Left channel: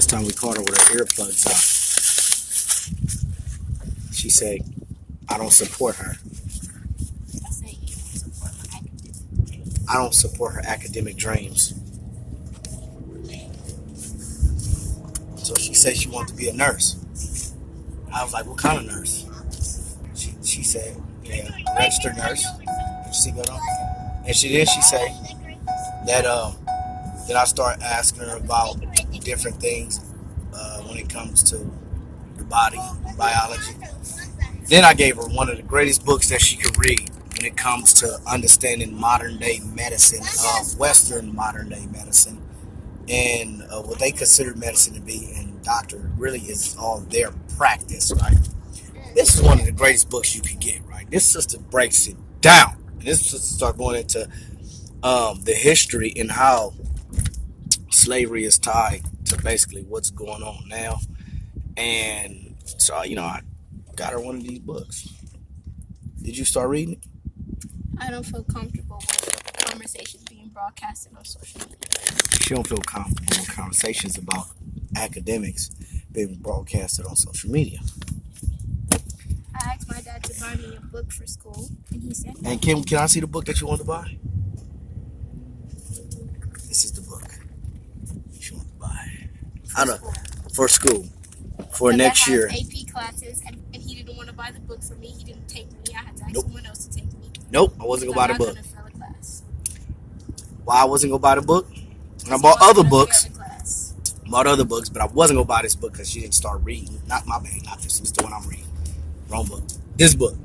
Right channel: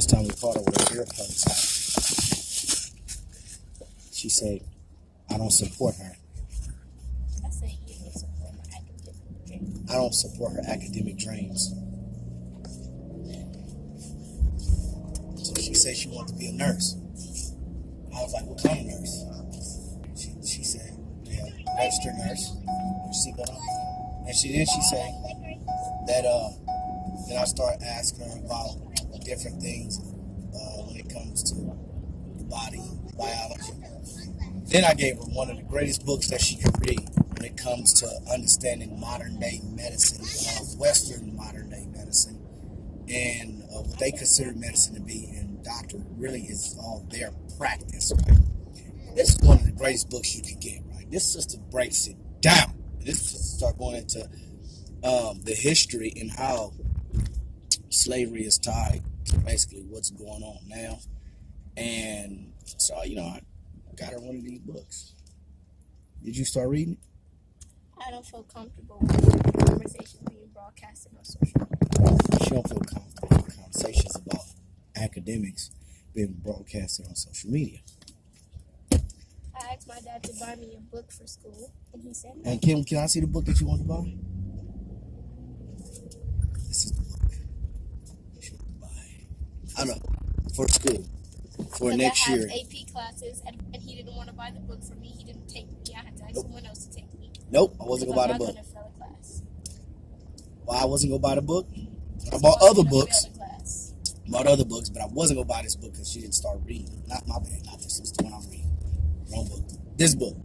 This time we caught her with her earplugs on. She said, I don't support her. I say you don't support my academic dreams. I don't support her academic dreams. So she said she wanted to be a nurse. I was like, what kind of nurse? She said, yeah, registered nurse. Did you see that on? And she said that that I start asking her about different things when it comes to the body, biology. Then I gave her one of the greatest books that she could read when it comes to understanding modern day medicine, Western modern day medicine, and what they consider medicine to be. And doctor really is all their practice, right? This is one of the greatest books you can get, right? This sister breaks it down. And this sister start going into the history and how slavery is tied to basically what's going on now. And so, I got her one of these books. Did you start reading it? I don't feel comfortable with conversations being broadcasted on social media. She don't feel comfortable with conversations about academics being broadcasted on social media. I asked my dad to buy me a book for school, and he said no. And can I see the book that you want to buy? This is the book she wants to buy. I don't know, for school. For next year. I have AP classes, and he didn't want to buy the book for me. He didn't take me. I had to ask someone else to take me. Nope, I wasn't going to buy the book. I'm not going to fail a class. Why I wasn't going to buy the book? And I bought other books. Bought other books, but I wasn't going to buy this book because she didn't start reading. Not my bad, not this. This is the one I'm reading. Wrong book. This book.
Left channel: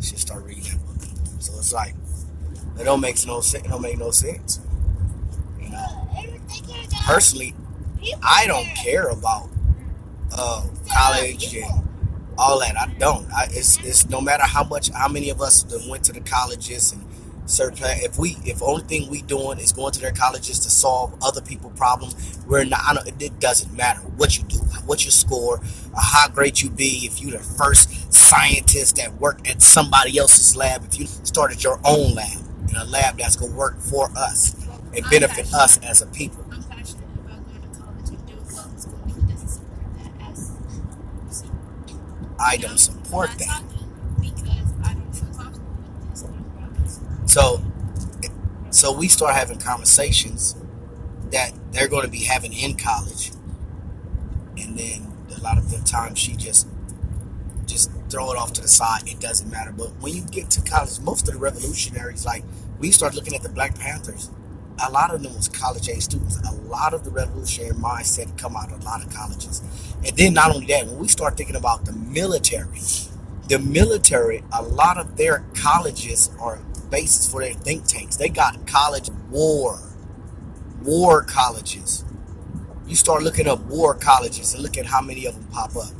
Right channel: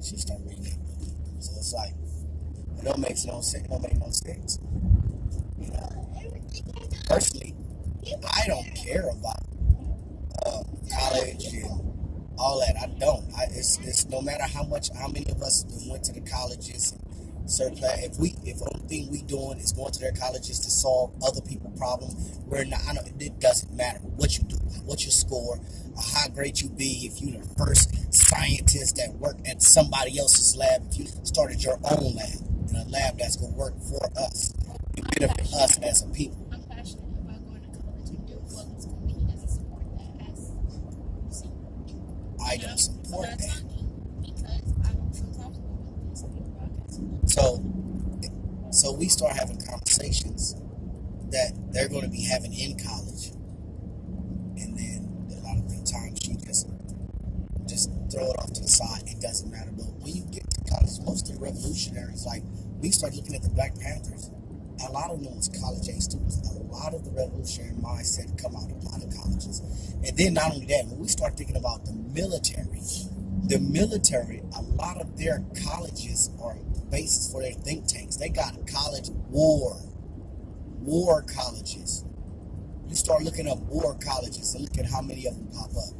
She didn't start reading that book. So it's like, it don't make no sense. It don't make no sense. You know, personally, I don't care about college and all that. I don't. It's no matter how many of us went to the colleges and certain. If only thing we doing is going to their colleges to solve other people's problems, we're not. It doesn't matter what you do, what you score, or how great you be. If you're the first scientist that worked at somebody else's lab, if you started your own lab in a lab that's gonna work for us and benefit us as a people. I'm passionate about going to college and doing public school, but he doesn't support that as. I don't support that. Because I don't feel comfortable with this. So we start having conversations that they're going to be having in college, and then a lot of the time she just throw it off to the side. It doesn't matter. But when you get to college, most of the revolutionaries, like we start looking at the Black Panthers, a lot of them was college age students. A lot of the revolutionary mindset come out of a lot of colleges. And then not only that, when we start thinking about the military, a lot of their colleges are bases for their think tanks. They got college war colleges. You start looking up war colleges and look at how many of them pop up.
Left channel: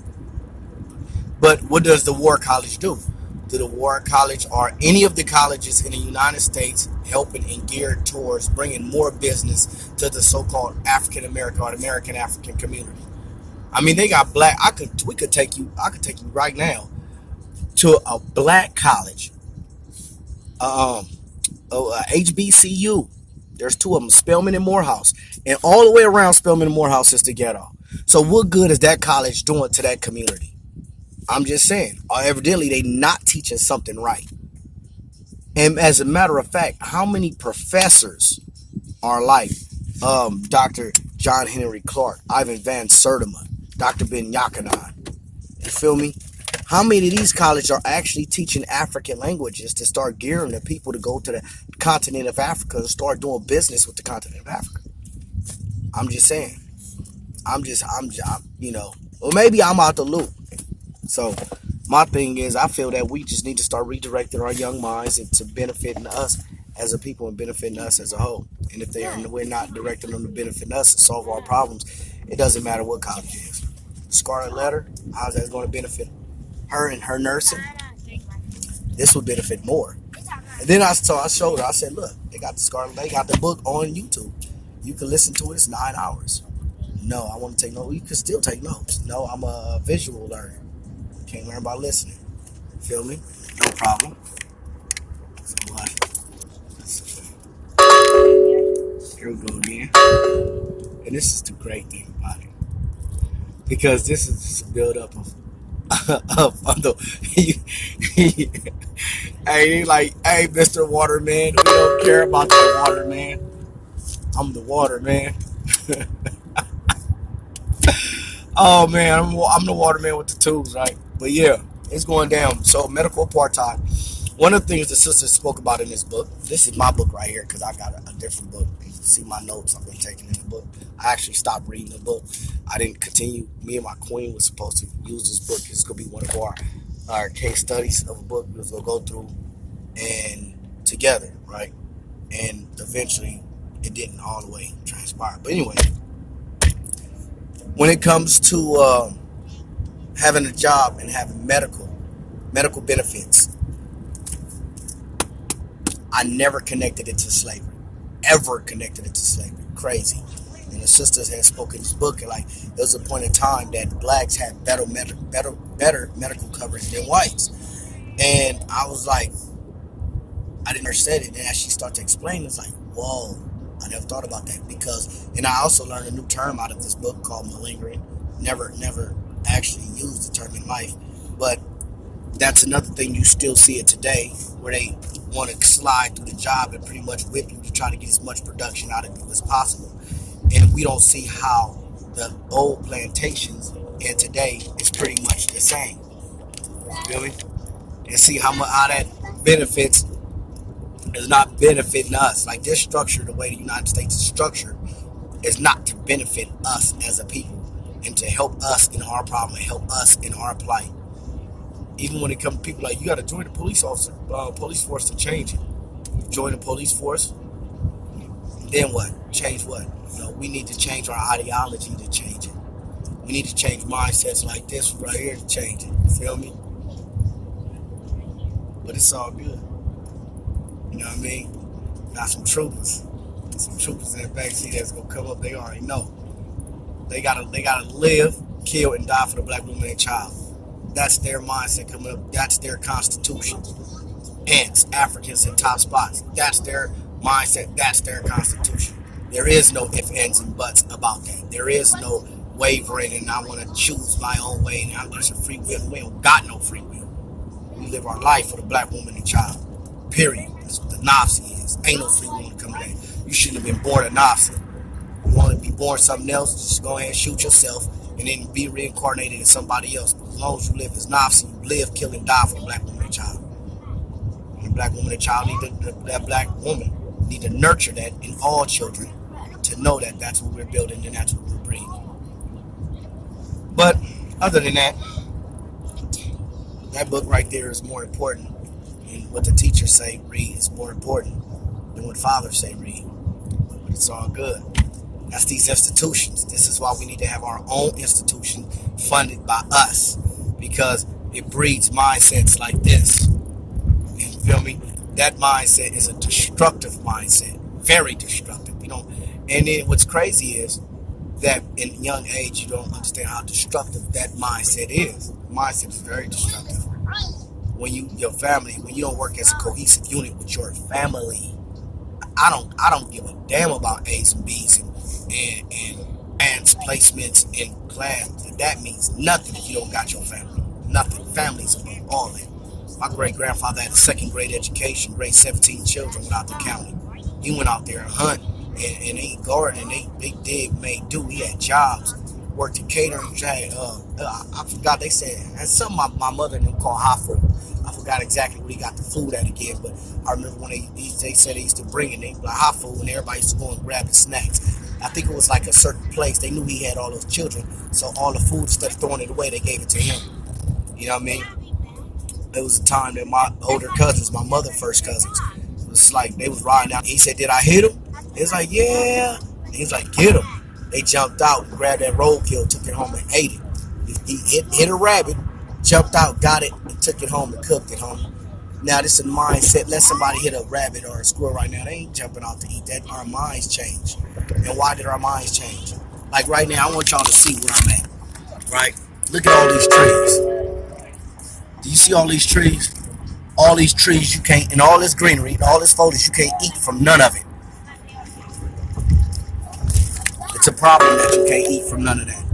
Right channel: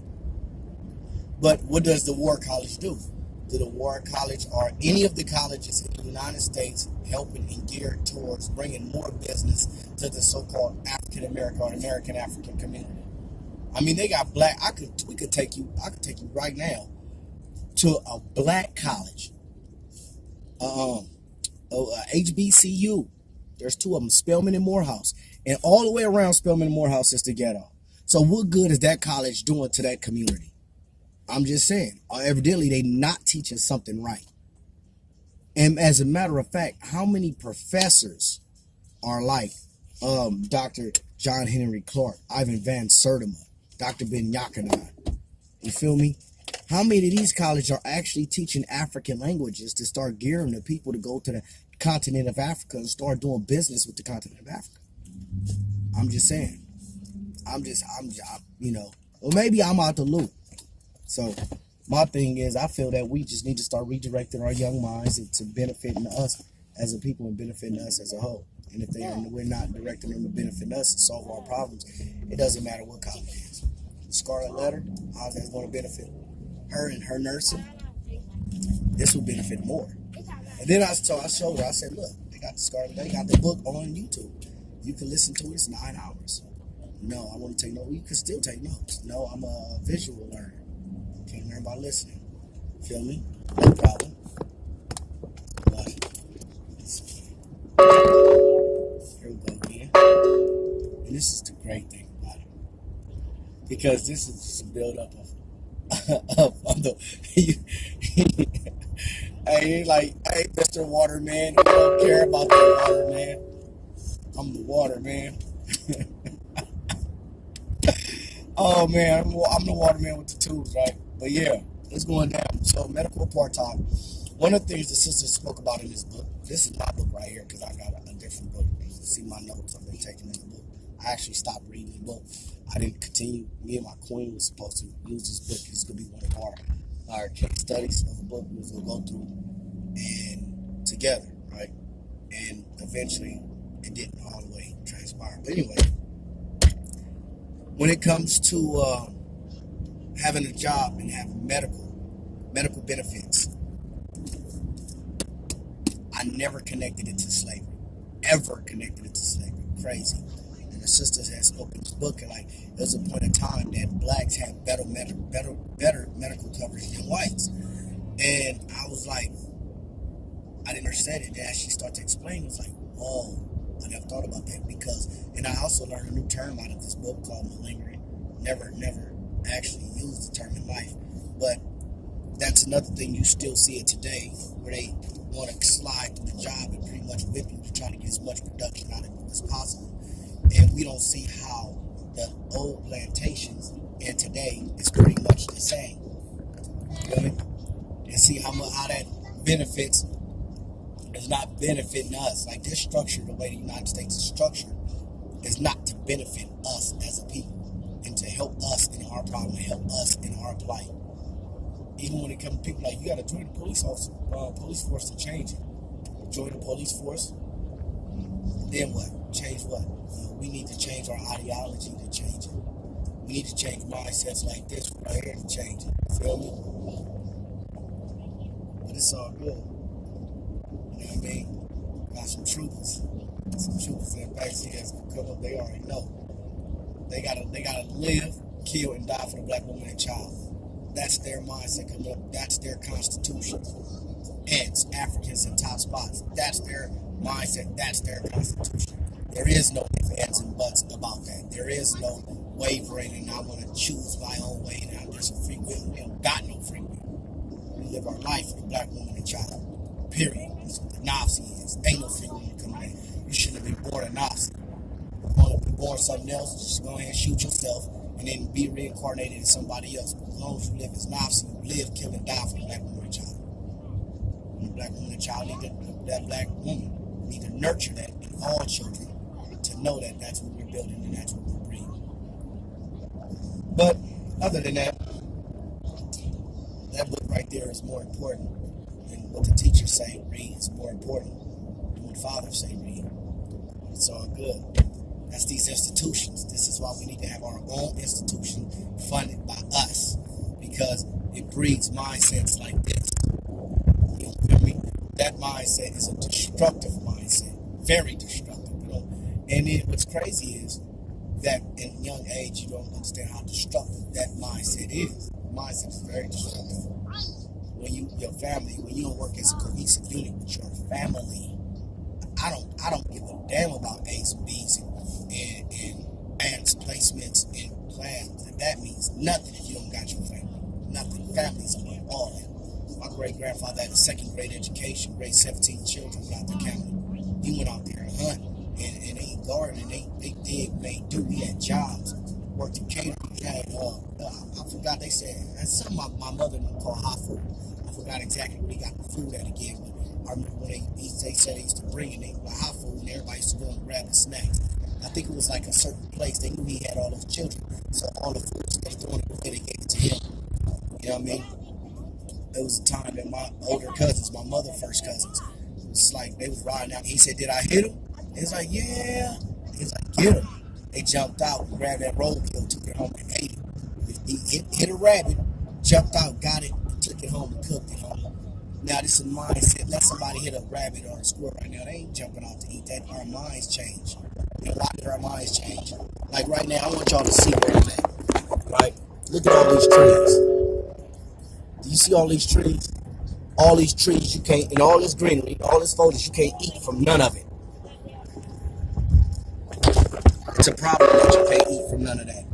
But what does the war college do? Do the war college or any of the colleges in the United States helping and geared towards bringing more business to the so-called African American or American African community? I mean, they got black. I could take you right now to a black college, HBCU. There's two of them, Spelman and Morehouse, and all the way around Spelman and Morehouse is the ghetto. So what good is that college doing to that community? I'm just saying, evidently they not teaching something right. And as a matter of fact, how many professors are like Dr. John Henry Clark, Ivan Van Sertima, Dr. Ben Yakanan? You feel me? How many of these colleges are actually teaching African languages to start gearing the people to go to the continent of Africa and start doing business with the continent of Africa? I'm just saying. I'm well, maybe I'm out the loop. So my thing is, I feel that we just need to start redirecting our young minds into benefiting us as a people and benefiting us as a whole. And if we're not directing them to benefit us and solve our problems, it doesn't matter what college it is. Scarlet Letter, how's that going to benefit her and her nursing? This would benefit more. And then I showed her, I said, look, they got the book on YouTube. You can listen to it, it's 9 hours. No, I want to take notes. You can still take notes. No, I'm a visual learner. Can't learn by listening. Feel me? No problem. Here we go again. And this is the great thing about it. because this is just a build up of the. Hey, like, hey, Mr. Waterman, we don't care about the waterman. I'm the waterman. Oh man, I'm the waterman with the tools, right? But yeah, it's going down. So medical apartheid. One of the things the sisters spoke about in this book. This is my book right here because I got a different book. You can see my notes I've been taking in the book. I actually stopped reading the book. I didn't continue. Me and my queen was supposed to use this book. It's gonna be one of our case studies of a book we're gonna go through and together, right? And eventually, it didn't all the way transpire. But anyway, when it comes to having a job and having medical benefits, I never connected it to slavery. Ever connected it to slavery. Crazy. And the sisters had spoken this book, and like there was a point in time that blacks had better medical coverage than whites. And I was like, I didn't understand it. And as she started to explain, it's like, whoa, I never thought about that. Because, and I also learned a new term out of this book called malingering. Never actually used the term in life. But that's another thing, you still see it today, where they want to slide through the job and pretty much whip you to try to get as much production out of you as possible. And we don't see how the old plantations and today is pretty much the same. You feel me? And see how that benefits is not benefiting us. Like this structure, the way the United States is structured, is not to benefit us as a people and to help us in our problem and help us in our plight. Even when it comes to people like, you got to join the police force to change it. Join the police force, then what? Change what? We need to change our ideology to change it. We need to change mindsets like this right here to change it. You feel me? But it's all good. You know what I mean? Got some troopers in the backseat that's gonna come up. They already know. They gotta live, kill, and die for the black woman and child. That's their mindset coming up. That's their constitution. Ants, Africans in top spots. That's their mindset. That's their constitution. There is no ifs, ands, and buts about that. There is no wavering and I want to choose my own way and I'm just a free will. We don't got no free will. We live our life for the black woman and child. Period. That's what the Nazi is. Ain't no free will coming in. You shouldn't have been born a Nazi. You want to be born something else, just go ahead and shoot yourself and then be reincarnated as somebody else. But as long as you live as Nazi, you live, kill, and die for the black woman and child. And the black woman and child that black woman need to nurture that in all children to know that that's what we're building and that's what we're breeding. But other than that, that book right there is more important. And what the teachers say, read, is more important than what fathers say, read. But it's all good. That's these institutions. This is why we need to have our own institution funded by us, because it breeds mindsets like this. You feel me? That mindset is a destructive mindset, very destructive. And then what's crazy is that in a young age you don't understand how destructive that mindset is. The mindset is very destructive. When you don't work as a cohesive unit with your family, I don't give a damn about A's and B's and placements in class. That means nothing if you don't got your family. Nothing. Families are all that. My great grandfather had a second grade education, raised 17 children without the county. He went out there and hunt and they gardened, they dig, made do. He had jobs, worked in catering. Had, I forgot, they said, that's something my mother knew called hot food. I forgot exactly where he got the food at again, but I remember when they said they used to bring it, they like hot food, and everybody used to go and grab the snacks. I think it was like a certain place. They knew he had all those children, so all the food, instead of throwing it away, they gave it to him. You know what I mean? There was a time that my older cousins, my mother's first cousins, it was like they was riding out. He said, "Did I hit him?" He was like, "Yeah." He was like, "Get him." They jumped out, grabbed that roadkill, took it home and ate it. He hit a rabbit, jumped out, got it, and took it home and cooked it home. Now this is a mindset. Let somebody hit a rabbit or a squirrel right now. They ain't jumping out to eat that. Our minds change. And why did our minds change? Like right now, I want y'all to see where I'm at. Right? Look at all these trees. Do you see all these trees? All these trees you can't, and all this greenery, and all this foliage, you can't eat from none of it. It's a problem that you can't eat from none of that.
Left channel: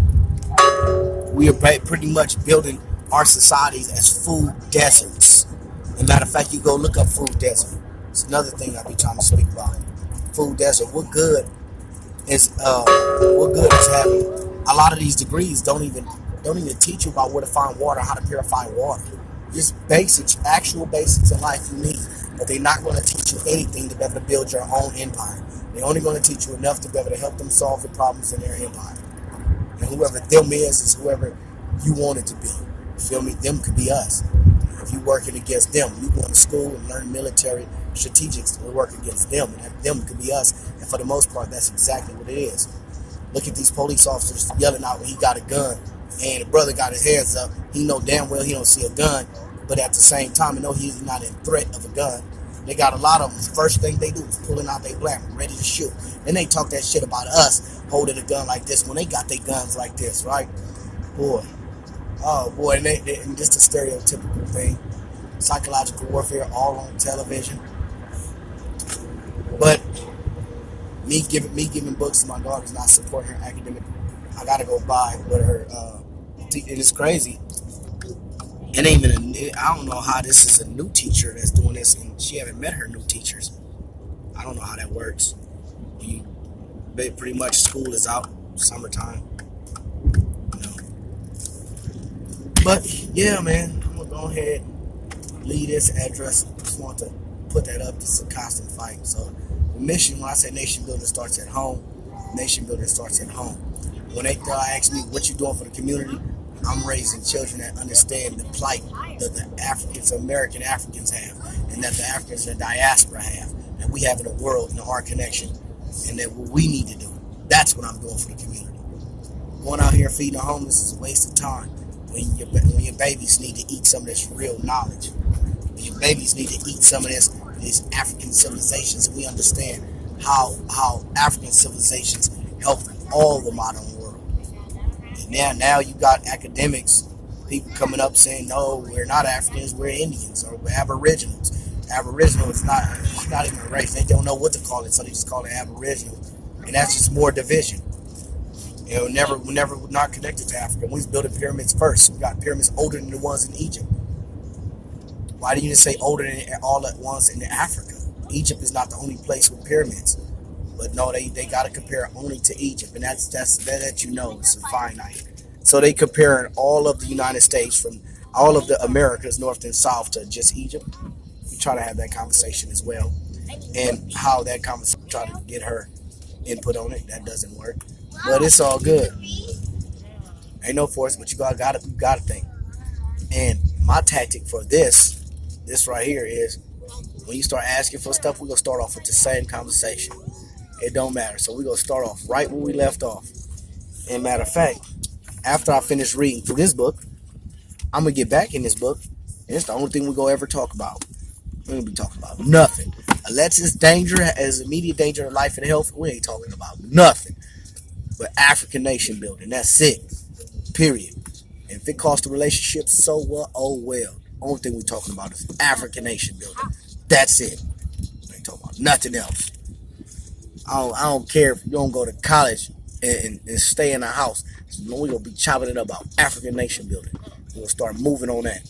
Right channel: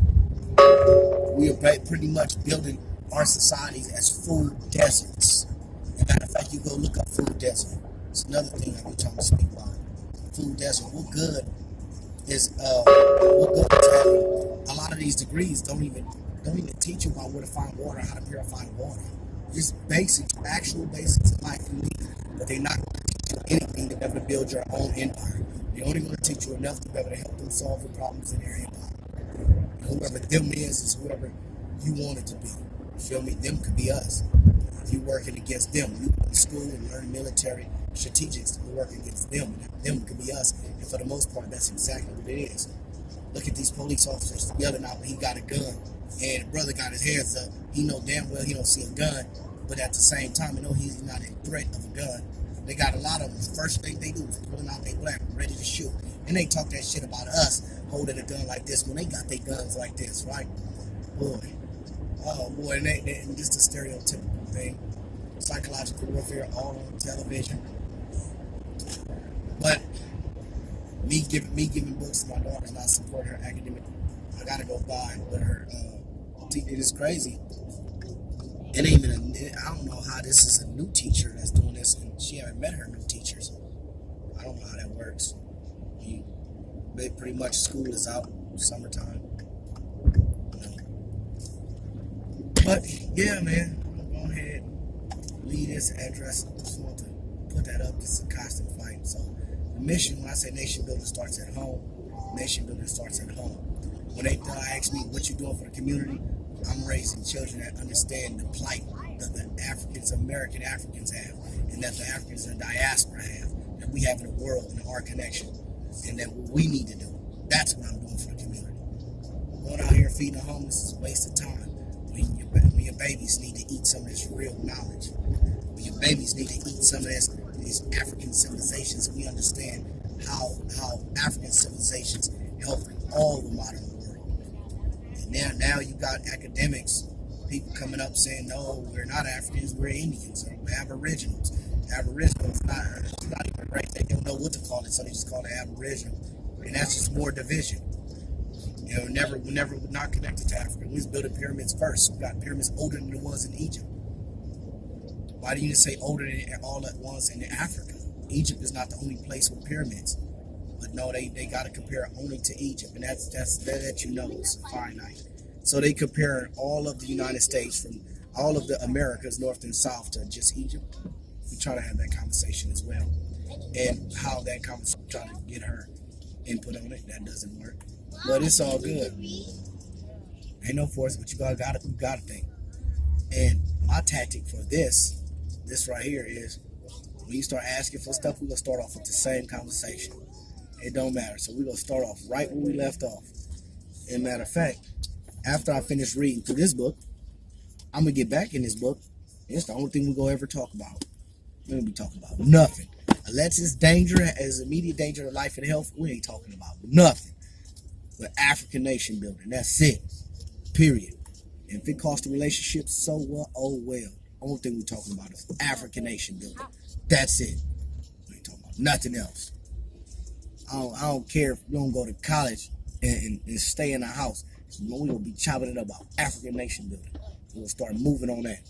We are pretty much building our societies as food deserts. As a matter of fact, you go look up food desert. It's another thing I'll be trying to speak about. Food desert. What good is having a lot of these degrees don't even teach you about where to find water, how to purify water. Just basics, actual basics in life you need. But they're not going to teach you anything to be able to build your own empire. They're only going to teach you enough to be able to help them solve the problems in their empire. And whoever them is whoever you want it to be. Feel me? Them could be us. If you working against them, you going to school and learn military strategics to work against them, and them could be us. And for the most part, that's exactly what it is. Look at these police officers yelling out when he got a gun, and the brother got his hands up. He know damn well he don't see a gun, but at the same time, he know he's not in threat of a gun. They got a lot of them. The first thing they do is pulling out their blammer, ready to shoot. And they talk that shit about us holding a gun like this when they got their guns like this, right? Boy. Oh, boy. And just a stereotypical thing. Psychological warfare all on television. But me giving books to my daughters, not supporting her academic, I got to go buy with her. And it's crazy. It ain't even I don't know how this is a new teacher that's doing this, and she haven't met her new teachers. I don't know how that works. Pretty much school is out, summertime. You know. But yeah, man, I'm gonna go ahead and leave this address. Just want to put that up. This is a constant fight. So the mission, when I say nation building starts at home, nation building starts at home. When they ask me what you doing for the community, I'm raising children that understand the plight that the Africans, American Africans have, and that the Africans in the diaspora have, and we have in the world in our connection, and that what we need to do. That's what I'm doing for the community. Going out here feeding the homeless is a waste of time when your babies need to eat some of this real knowledge. Your babies need to eat some of these African civilizations. We understand how African civilizations help all the modern world. Now you got academics, people coming up saying, no, we're not Africans, we're Indians, or we're Aboriginals. Aboriginal is not even a race. They don't know what to call it, so they just call it Aboriginal. And that's just more division. We're not connected to Africa. We was building pyramids first. We got pyramids older than the ones in Egypt. Why do you just say older than all the ones in Africa? Egypt is not the only place with pyramids. But no, they got to compare only to Egypt, and that is finite. So they comparing all of the United States from all of the Americas, north and south, to just Egypt. We try to have that conversation as well, and how that conversation try to get her input on it. That doesn't work, but it's all good. Ain't no force, but you gotta think. And my tactic for this right here is when you start asking for stuff, we're gonna start off with the same conversation. It don't matter. So we're going to start off right where we left off. And matter of fact, after I finish reading through this book, I'm going to get back in this book. And it's the only thing we're going to ever talk about. We're going to be talking about nothing. Unless it's danger, as immediate danger to life and health, we ain't talking about nothing. But African nation building. That's it. Period. And if it costs the relationship, so what? Oh well. Only thing we're talking about is African nation building. That's it. We ain't talking about nothing else. I don't care if you don't go to college and stay in a house. We're going to be chopping it up about African nation building. We're going to start moving on that.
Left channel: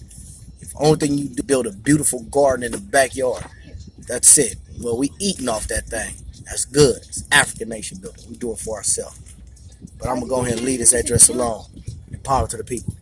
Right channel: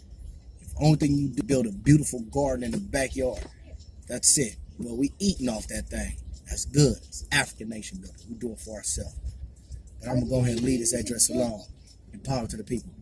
If the only thing you do build a beautiful garden in the backyard, that's it. Well, we eating off that thing. That's good. It's African nation building. We do it for ourselves. But I'm going to go ahead and leave this address alone. And power to the people.